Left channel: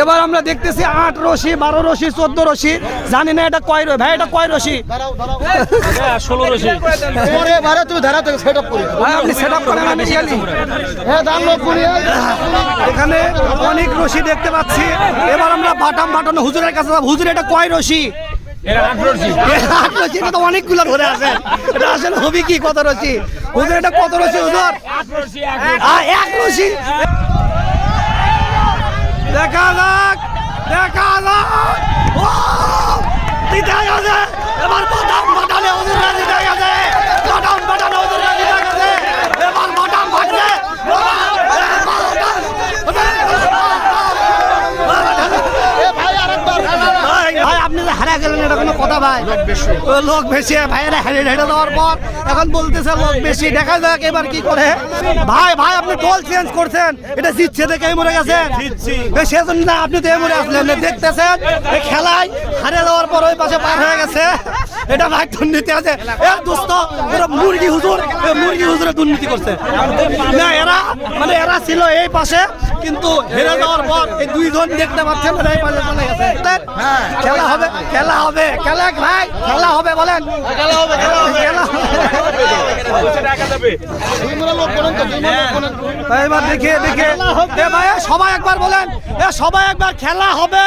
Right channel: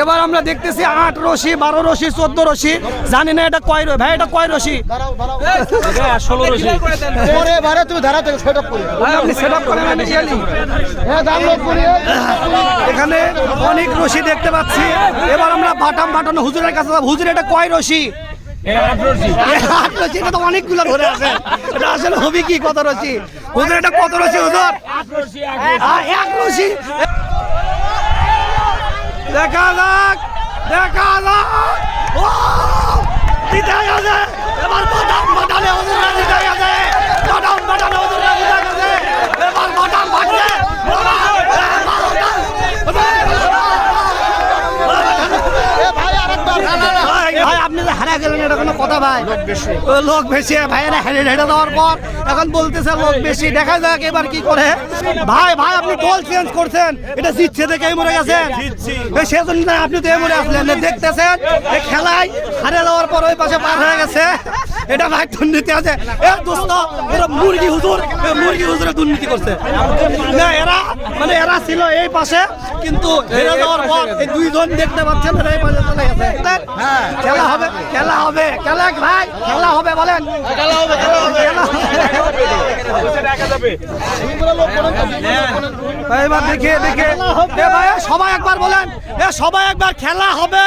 এবার আমরা দেখতেছি আট রশি বারো রশি চোদ্দ রশি। জানি না এটা কয় রশি ভাই এটা কয় রশি? ষোলো রশি। পরে বারে তুই ধারা থেকে সেট আপ করি আপনি সেট আপ করেন আমি গেলি এখানে অনেক রশি দেখতে পাচ্ছি। এবার আমরা বাটাম বাটানো হুজুরের কাছে। হুজুর এটা কয় রশি? অনেকগুলো ধরে আছে। এটা আসলে হবে কি কত রশি? হুজুর এটা কত রশি হুজুর? এক রশি। দেখা যাক দেখা যাক। ও জিতে গেছে। এবার বাটাম বাটালে হুজুররা জিতে গেছে। বাটাম বাটালে হুজুররা জিতে গেছে। এবার বাটাম বাটলে বাবা, এ, বারোটার, ভাই ভাই, আপনি যে হারা গেলেন এটা কোনো কথা ভাই। লোক বেশি। লোক বেশি ভাইয়েরা হেরে হেরে দেওয়ার পর এখন বলতেছে লোক বেশি। দেখা যাক এবার কি করে। ভাই ভাই আপনি টোল চেঞ্জ করছেন। এটা জিতছে দেখে মরে গেছেন। সেজন্য না আপনি তো মরে আসলেন। দেখতেছেন এই খেলায় হারে দেওয়ার পর ওই পাশে পার হয়ে গেছে। এটা ভাই দুর্নীতি আছে। এ দোস্ত ওরা মুরগি হুজুর মুরগি হুজুরে দুর্নীতি করছে। না এরা মানে এরা ছিল এই পাশে কিন্তু হেরে যাওয়ার পর এই দুইজন দেখতে পাচ্ছেন এরা এই পাশে চলে গেছে। হ্যাঁ। খেলা হবে খেলা হবে। খেলা ভাই খেলা হবে বলেন। খেলা হবে খেলা হবে। ভাই, এবার দেখে দেখে। এ ভাই সবাই একবার বলেন। এ সবাই একবার খেলা হবে।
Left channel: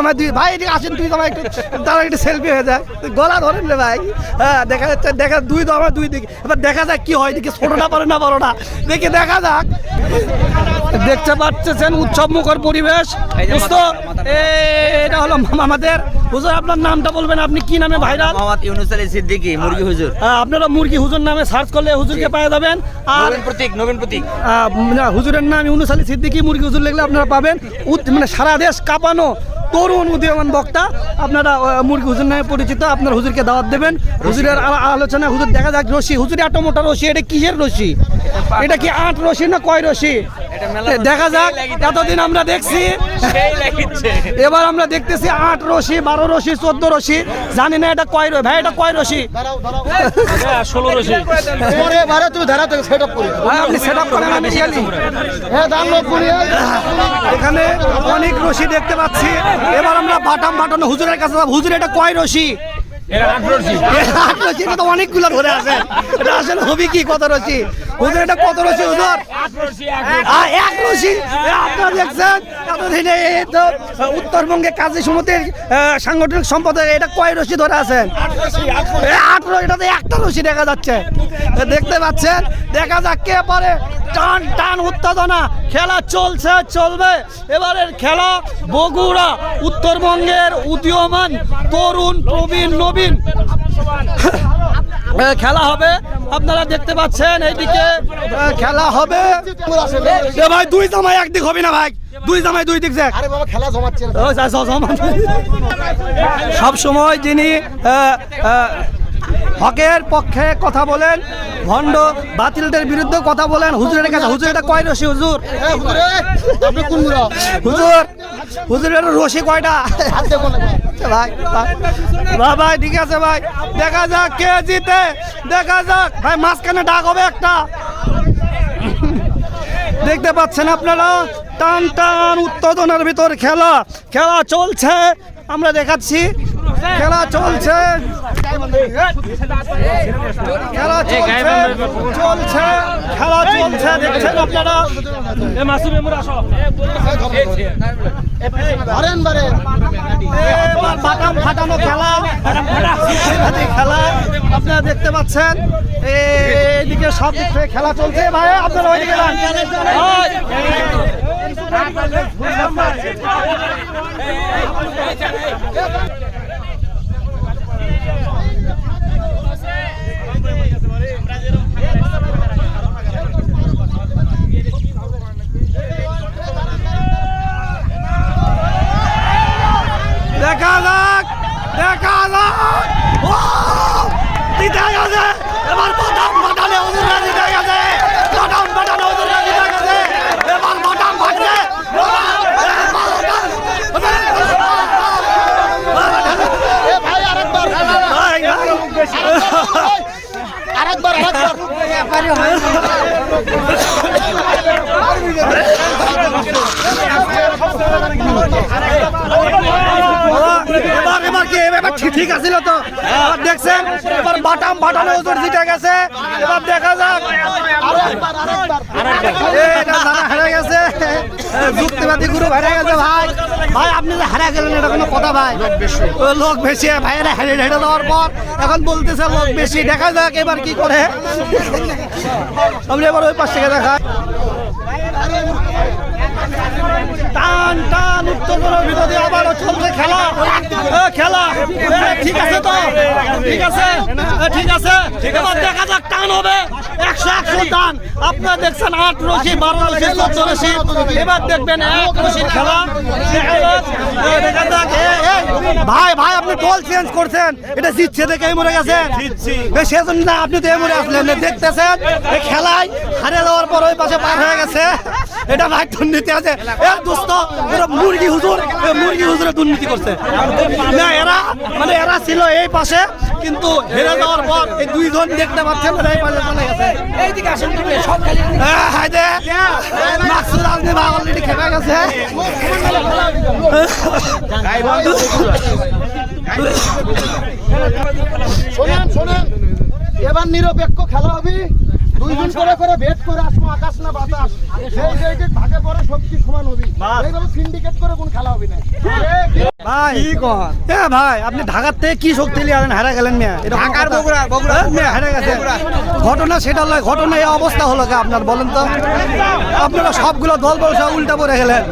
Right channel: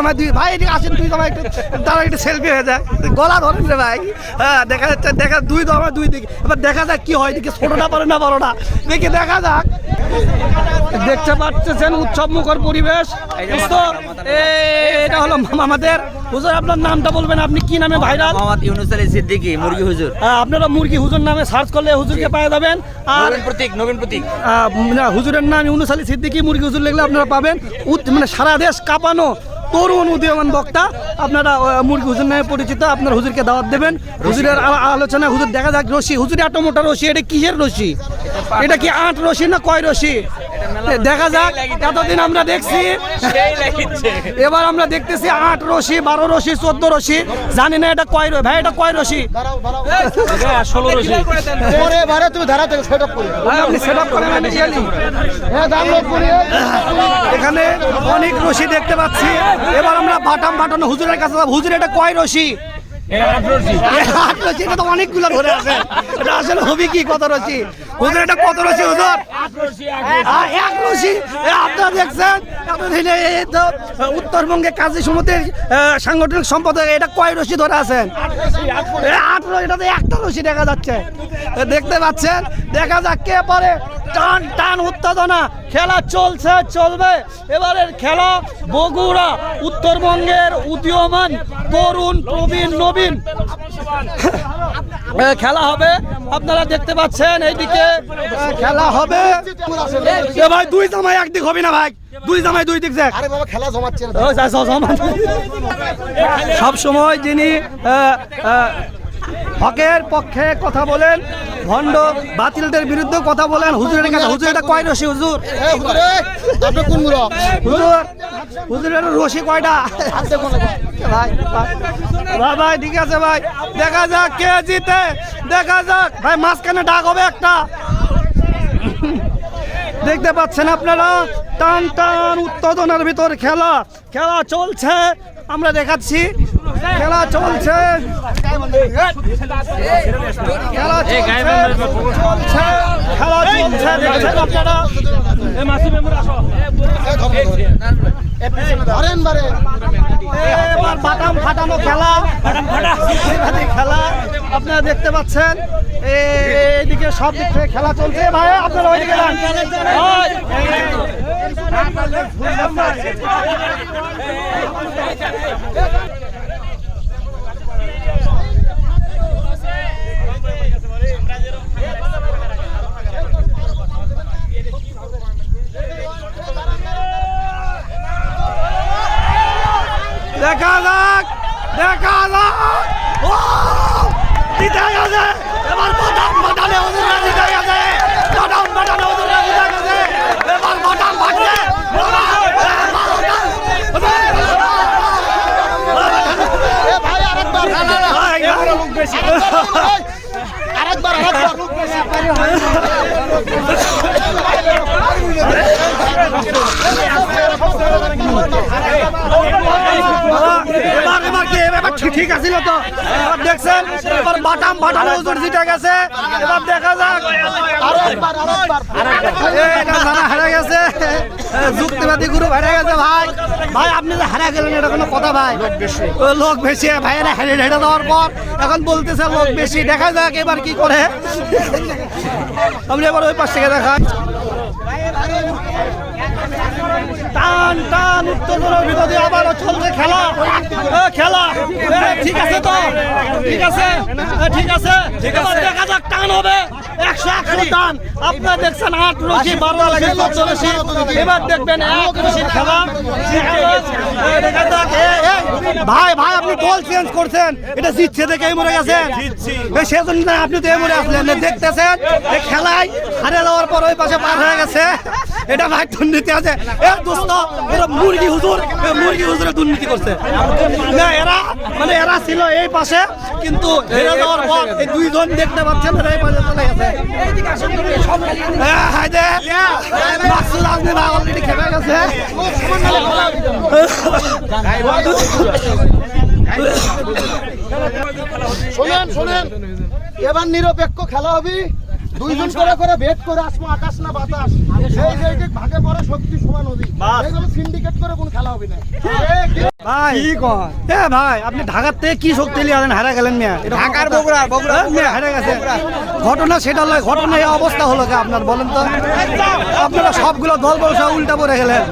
আমার দুই ভাই এদিকে আছেন তুই তোমার একটু তারা একটু সেলফি হয়ে যায়। গলা ধরেন রে ভাই। হ্যাঁ দেখা যাচ্ছে দেখা দুই তো আমার দুই দিকে। এবার দেখা যাক কি হয় এদিকে ছোটটা পারে না বড়টা। দেখে দেখা যাক। দেখতে পাচ্ছেন উৎসব মুখর পরিবেশ। বুঝতো? এটা হলো আমাদের। হুজুর আপনার নামটা বলবেন আপনি কি নামে ভাইরাল? মোহাম্মদ ইউনুস আলী সিদ্দিকী মুরগি হুজুর। আপনারা মুরগি হুজুর নামে সার্চ করলে হুজুরকে পেয়ে যাবেন। আর নবীন প্রতীক নবীন প্রতীক। হুজুরের নাম ইউনুস আলী সিদ্দিকী মুরগি হুজুর লিখলে আপনারা পাবেন। মানে সারা দেশ কাঁপানো তরুণ উদীয়মান বক্তা। আপনারা মুরগি হুজুর নামে পরিচিত আপনার হুজুরকে দাওয়াত দেবেন। হুজুরের আলোচনা হুজুর দেখা যাক রশি। হুজুরে এত মোটা রশি এটা কিসের রশি? এটা কি আট রশি না কয় রশি? দেখা যাক এতদিন আমরা দেখছি। এবার আমরা দেখতেছি আট রশি বারো রশি চোদ্দ রশি। জানি না এটা কয় রশি ভাই এটা কয় রশি? ষোলো রশি। পরে বারে তুই ধারা থেকে সেট আপ করি ভাই আপনি সেট আপ করেন আমি গেলি এখানে অনেক রশি দেখতে পাচ্ছি। এবার আমরা বাটাম বাটানো হুজুরের কাছে। হুজুর এটা কয় রশি? এটা আট রশি। আট রশি এটা তো অনেকগুলো ধরে আছে। এটা আসলে হবে কি কত রশি? হুজুর এটা কত রশি হুজুর? এক রশি আপনারা দেখছেন? এতদিনে উত্তরবঙ্গে কাজী সমিতির সাংগঠনিক সম্পাদক এটা কয় রশি ধরে আছেন? এ, আট রশি এটা তো একটা রশি দেখা যাচ্ছে। দেখতে পাচ্ছেন? দেখা যাক কে পারে। টান টান উত্তেজনা। খেলা চলছে চলবে। এবারের খেলা বগুড়া উত্তরবঙ্গের উদীয়মান তরুণ প্রবীণ নবীন। খেলা হবে আপনারা দেখতে পাচ্ছেন এইদিকে। খেলা হবে। ভাই দুই জামাই একদিক হবে না ভাই? দুই জামাই দুই দিক যাক আরে বাবা খেলা জমাচ্ছে সব সময় যিনি হকের পক্ষে কথা বলেন ভণ্ড বাতিলদের বিরুদ্ধে কথা বলেন। হুজুরের কাছে হুজুর এটা কয় রশি হুজুর? হুজুরে, হুজুর হুজুরের রশি কয়টা? ভাই ভাই। ভাই ঠিক আছে ভাই। দেখা যাক কে জিতে দেখা যাক। ভাই মাঝখানে ডাক হবে একটা। দেখতে পাচ্ছেন আপনারা টান টান উত্তেজনার ভিতর খেলা। খেলা চলছে। আমরা দেখাচ্ছি খেলা চলছে খেলা চলছে চলছে খেলা চলছে দেখছেন আপনারা বাটাম ফাটানো খেলা খেলা আপনারা দেখতে পাচ্ছেন এইদিকে সব দিক থেকে খেলা চলছে ভাই আপনারা ওইদিকে যান। দেখা যাক দেখা যাক জিতে গেছে এবার বাটাম বাটালে হুজুররা জিতে গেছে বাটাম বাটালে হুজুররা জিতে গেছে এবার এ ভাই, আরেকবার। আরেকবার, আরেকবার। ঠিক আছিল তো এবার দেখছেন এবার বাটাম বাটানো হুজুর জিতে গেছে এবার দেখা যাক হারা গেছে গুরু গেছে ভাই ভাই আপনি যে হারা গেলেন এটা কোনো কথা ভাই লোক বেশি লোক হেরে হেরে দেওয়ার পর এখন বলতেছে লোক বেশি দেখা যাক এবার কি করে আপনি এবার ওই পাশ থেকে দেখা টান টান উত্তেজনার ভিতরে আবারও চলছে খেলা। খেলা। ঠিক আছে তো? ঠিক আছে? ঠিক আছে? এবার দেখা যাক টান হবে। একশো একশো টান। আপনারা দেখছেন আট রশি বারো রশি চোদ্দ রশি। এবার দেখবেন এক রশির খেলা। দেখা যাক, ভাই ভাই আপনি টোল চেঞ্জ করছেন। এটা জিতছে দেখে এই মরে গেছেন। সেজন্য আপনি তো এই মরে আসলেন। দেখতেছেন খেলায় হারে দেওয়ার পর ওই পাশে পার হয়ে গেছে। এটা ভাই দুর্নীতি আছে। এ দোস্ত এরা মুরগি হুজুর মুরগি হুজুরে দুর্নীতি করছে। না এরা মানে এরা ছিল এই পাশে কিন্তু হেরে যাওয়ার পর এই দুইজন দেখতে পাচ্ছেন এরা এই পাশে চলে গেছে। হ্যাঁ, হায়। মাকসুদ আজমি অলরেডি খেপে গেছে। শোনেন শোনেন। এবার নিরপেক্ষ খেলা হবে। দুইজন করে করে ভেদ করে আসব আকাশ না বাতাস। সেই ভাগে পড়ে শক্তি সমান হবি। এইভাবে সিন্ডিকেট করে কোন খেলা হবে না। ভাই। কি কন এ ভাই আপনি ঢাকার থেকে কি শক্তি নিয়ে হারা গেলেন মিয়া। এটা ঢাকার বগুড়া বগুড়া হারা গেছে। ঘটনা সেটা নয় ঘটনা এই অবস্থা হলো কি আপনার বলেন তো। আপনারা সবগুলো দল বল সব উল্টা পরে গেলেন।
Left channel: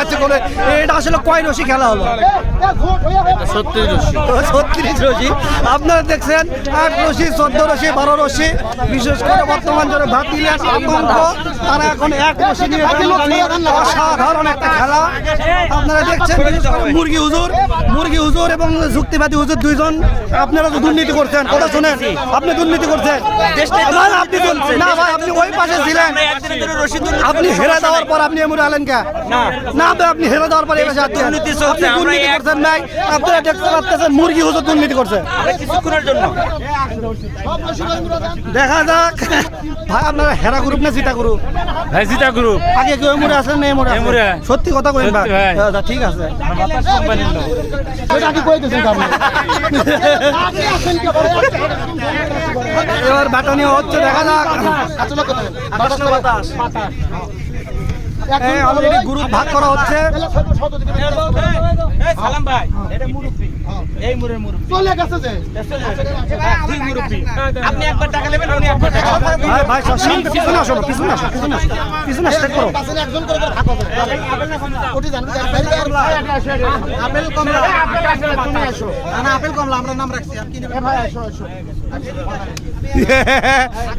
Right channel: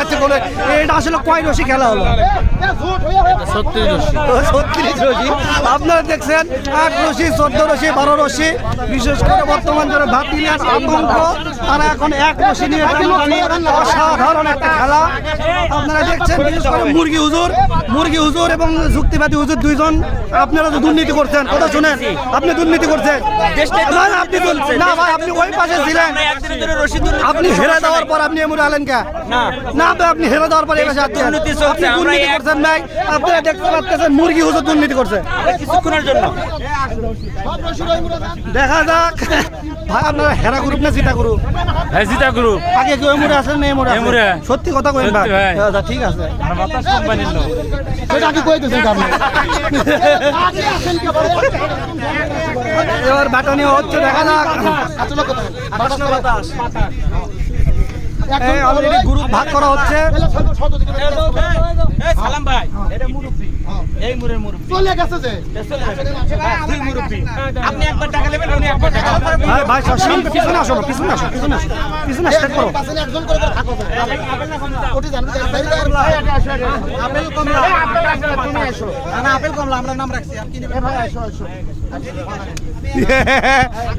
আচ্ছা করে এটা আসলে কয় রশি খেলা হলো? ছত্রিশ রশি। আপনারা দেখছেন আট রশি চোদ্দ রশি বারো রশি। বিশেষ করে বর্তমান যারা ভাতিলেন আতঙ্ক তারা এখন এক রশি নিয়ে অসাধারণ একটা খেলা। আপনারা দেখছেন বিশেষ করে মুরগি হুজুর মুরগি হুজুর এবং যুক্তিবাদী হুজুর দুইজন। আপনারা তো দুর্নীতি করছেন কথা শুনেন। আপনি দুর্নীতি করছেন। আপনি না ভাই আপনি ওই পাশে ছিলেন। আপনি হেরে দেওয়ার পর আপনি এমন আলেন কে? না। না তো আপনি হেরে দেওয়ার পর এবার আপনি দুর্নীতি করছেন নাই আপনারা দেখতে পাচ্ছেন মুরগি হুজুর দুর্নীতি করছে। কিছুক্ষণের জন্য। দেখা যাক। ভাই আপনারা হেরা গ্রুপ না জিতা গ্রুপ হ্যাঁ জিতা গ্রুপ আগে কেউ এমরে আসেন না এমরে এমরে। সত্যি কথা কইন ভাই। আচ্ছা ঠিক আছে। সেটা কি কইতেছেন আপনি এবার ব্যাটনি হচ্ছে দেখা যাক। আসলে কোথায় এই অলরেডি গ্রুপ ভাগ করা হচ্ছে। চলে গেছে যে। আপনি একবার টাকা নেবেন উনি একবার টাকা ভাই ভাই সব পিছনে আসো পিছনে আসো পিছনে আসো পিছনে স্টেট করো। একজন করে করে থাকো ওটি জানবে আপেল কমলা। তুমি আসো। না আপেল কমলা আমরা নাম রাখছি আর কি নেবে ভাই আসো আসো।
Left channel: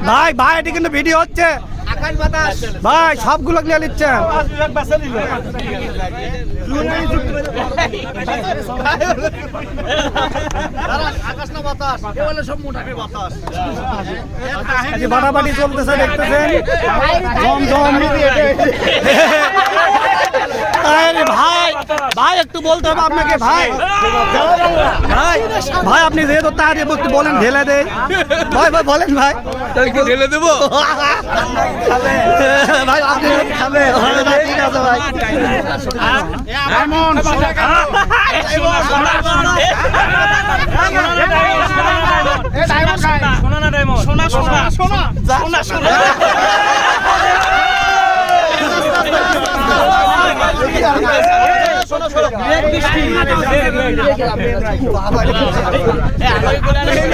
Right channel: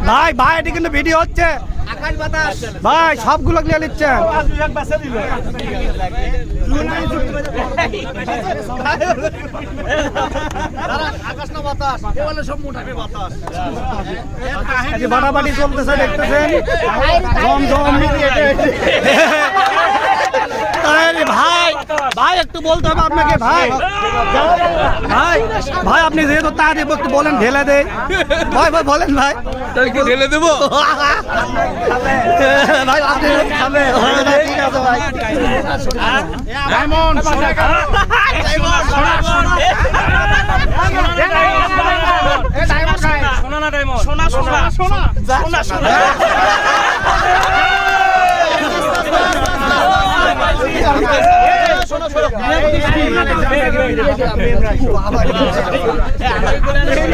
ভাই ভাই এটি কিন্তু ভিডিও হচ্ছে। ভাই, সবগুলো নিয়ে নিচ্ছেন বাটাবাটি চলতেছে, দেখতেছেন? ভাই ভাই, একটু বলতে হবে আপনাকে, ভাই। ভাই ভাই, আপনি যেহেতু তার একটু বলেন, ঢেলে দেয় ভাই ভাই, বলেন, ভাই। একটু ঢেলে দেবো? ভাই আপনি খাবে ঠিক আছে। ভাই সোনা না ডায়মন্ড এবারে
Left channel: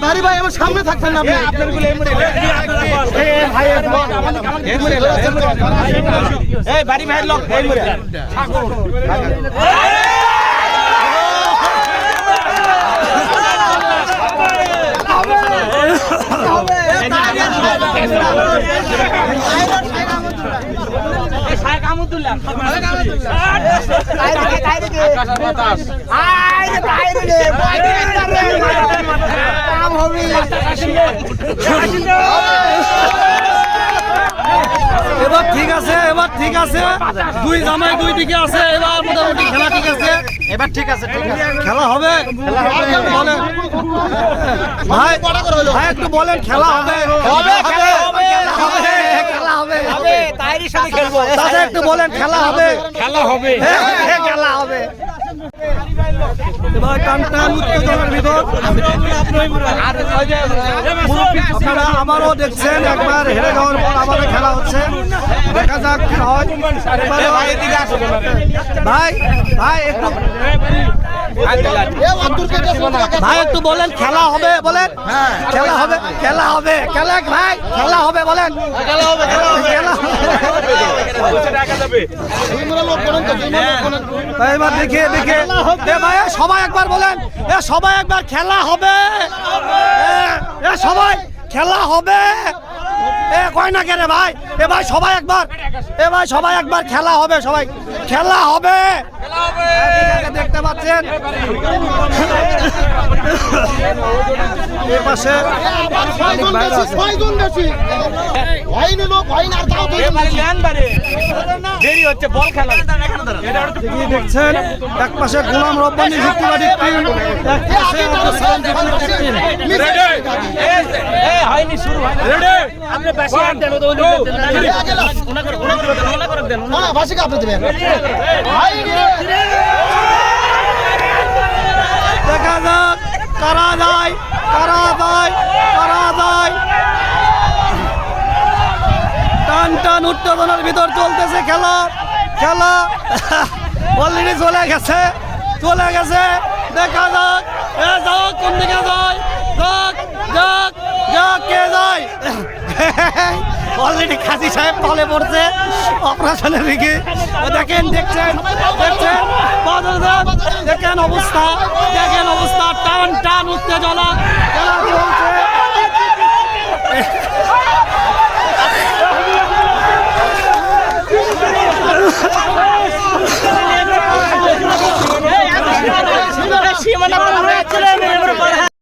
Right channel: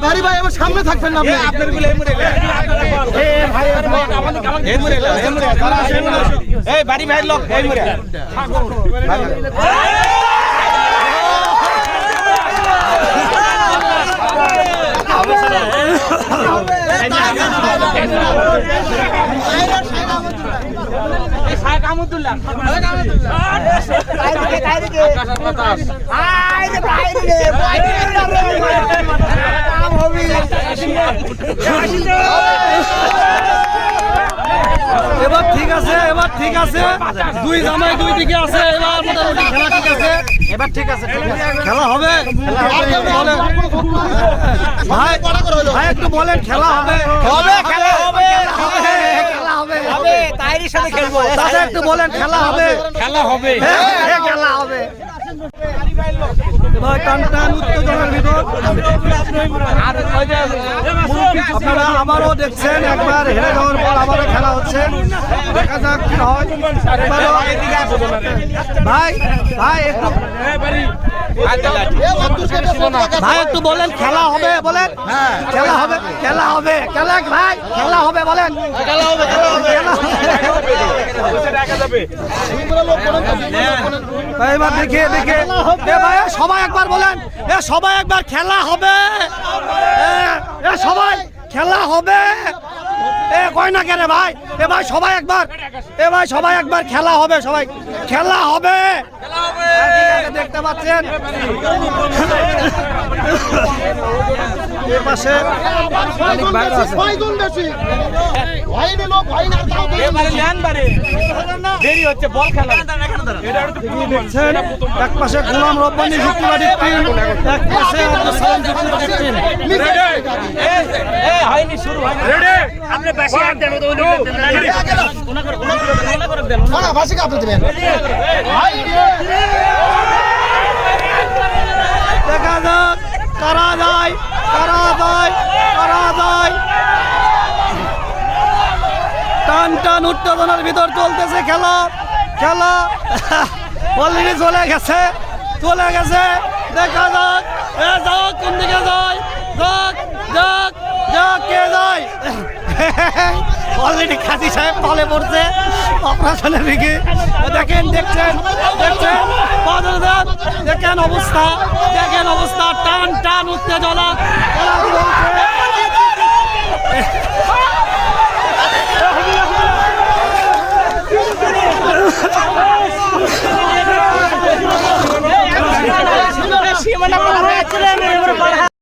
ভারী ভাই আমার সামনে থাকবেন না আপনি এই ভাই লোক এবার ঠিক আছে এবার ঠিক আছে। দুই জামাই দুই দিকে আছে এবার মোটামুটি খেলা ঠিক আছে। এবার ঠিক আছে খেলা হবে। খেলা হবে। বলেন। ভাই ভাই একটু বলেন খেলা হবে। হবে খেলা হবে। খেলা হবে খেলব। দাদা একটু বলেন খেলা হবে? খেলা হবে। হ্যাঁ, হ্যাঁ, খেলা হবে। এবার টান টান উত্তেজনার ভিতর আপনারা আবারও দেখছেন একবার হেরে যাওয়ার পর আবারও খেলা হচ্ছে। দেখা যাক কি হয়। ভাই ভাই একটু ভাই একটু বলেন খেলা হবে বলেন। খেলা হবে খেলা হবে। খেলা ভাই খেলা হবে বলেন। খেলা হবে খেলা হবে। ভাই এবার দেখে দেখে। ভাই সবাই একবার বলেন। এ সবাই একবার খেলা হবে। এ, এ সবাই খেলা হবে। এ কয় না কেন ভাই? এ ভাই সবাই একবার এ ভাই সবাই একবার খেলা হবে সবাই খেলা হবে। হ্যাঁ, দেখতে পাচ্ছেন। পাশে অনেক বাইরে আছে। দেরি হচ্ছে বল খেলা। দেখছেন এক পাশে গোলাম রব্বানি টিম এক পাশে সালাম টিম। হয়নি শুরু হয়নি। আপনি বেশি আর দেন তো না ভাষিকে আপনি দেবেন। দেখা যাক কারা যায় কারা যায় কারা যায়। টান টান, উত্তেজনার ভিতর চলতেছে খেলা। খেলা। অলরেডি চলে গেছে। চলে গেছে। দেখা যাক। এ, যাক, কোন দিকে যায়? যাক যাক যাক, কে যায়? অলরেডি খাসি সাহেব তলে পড়ছে। অপারেশনের দিকে। দেখেন, দেখছেন দেখছেন। দেখেন অবস্থা দেখেন অবস্থা। টান টান, উত্তেজনা। খেলা চলছে। সীমানা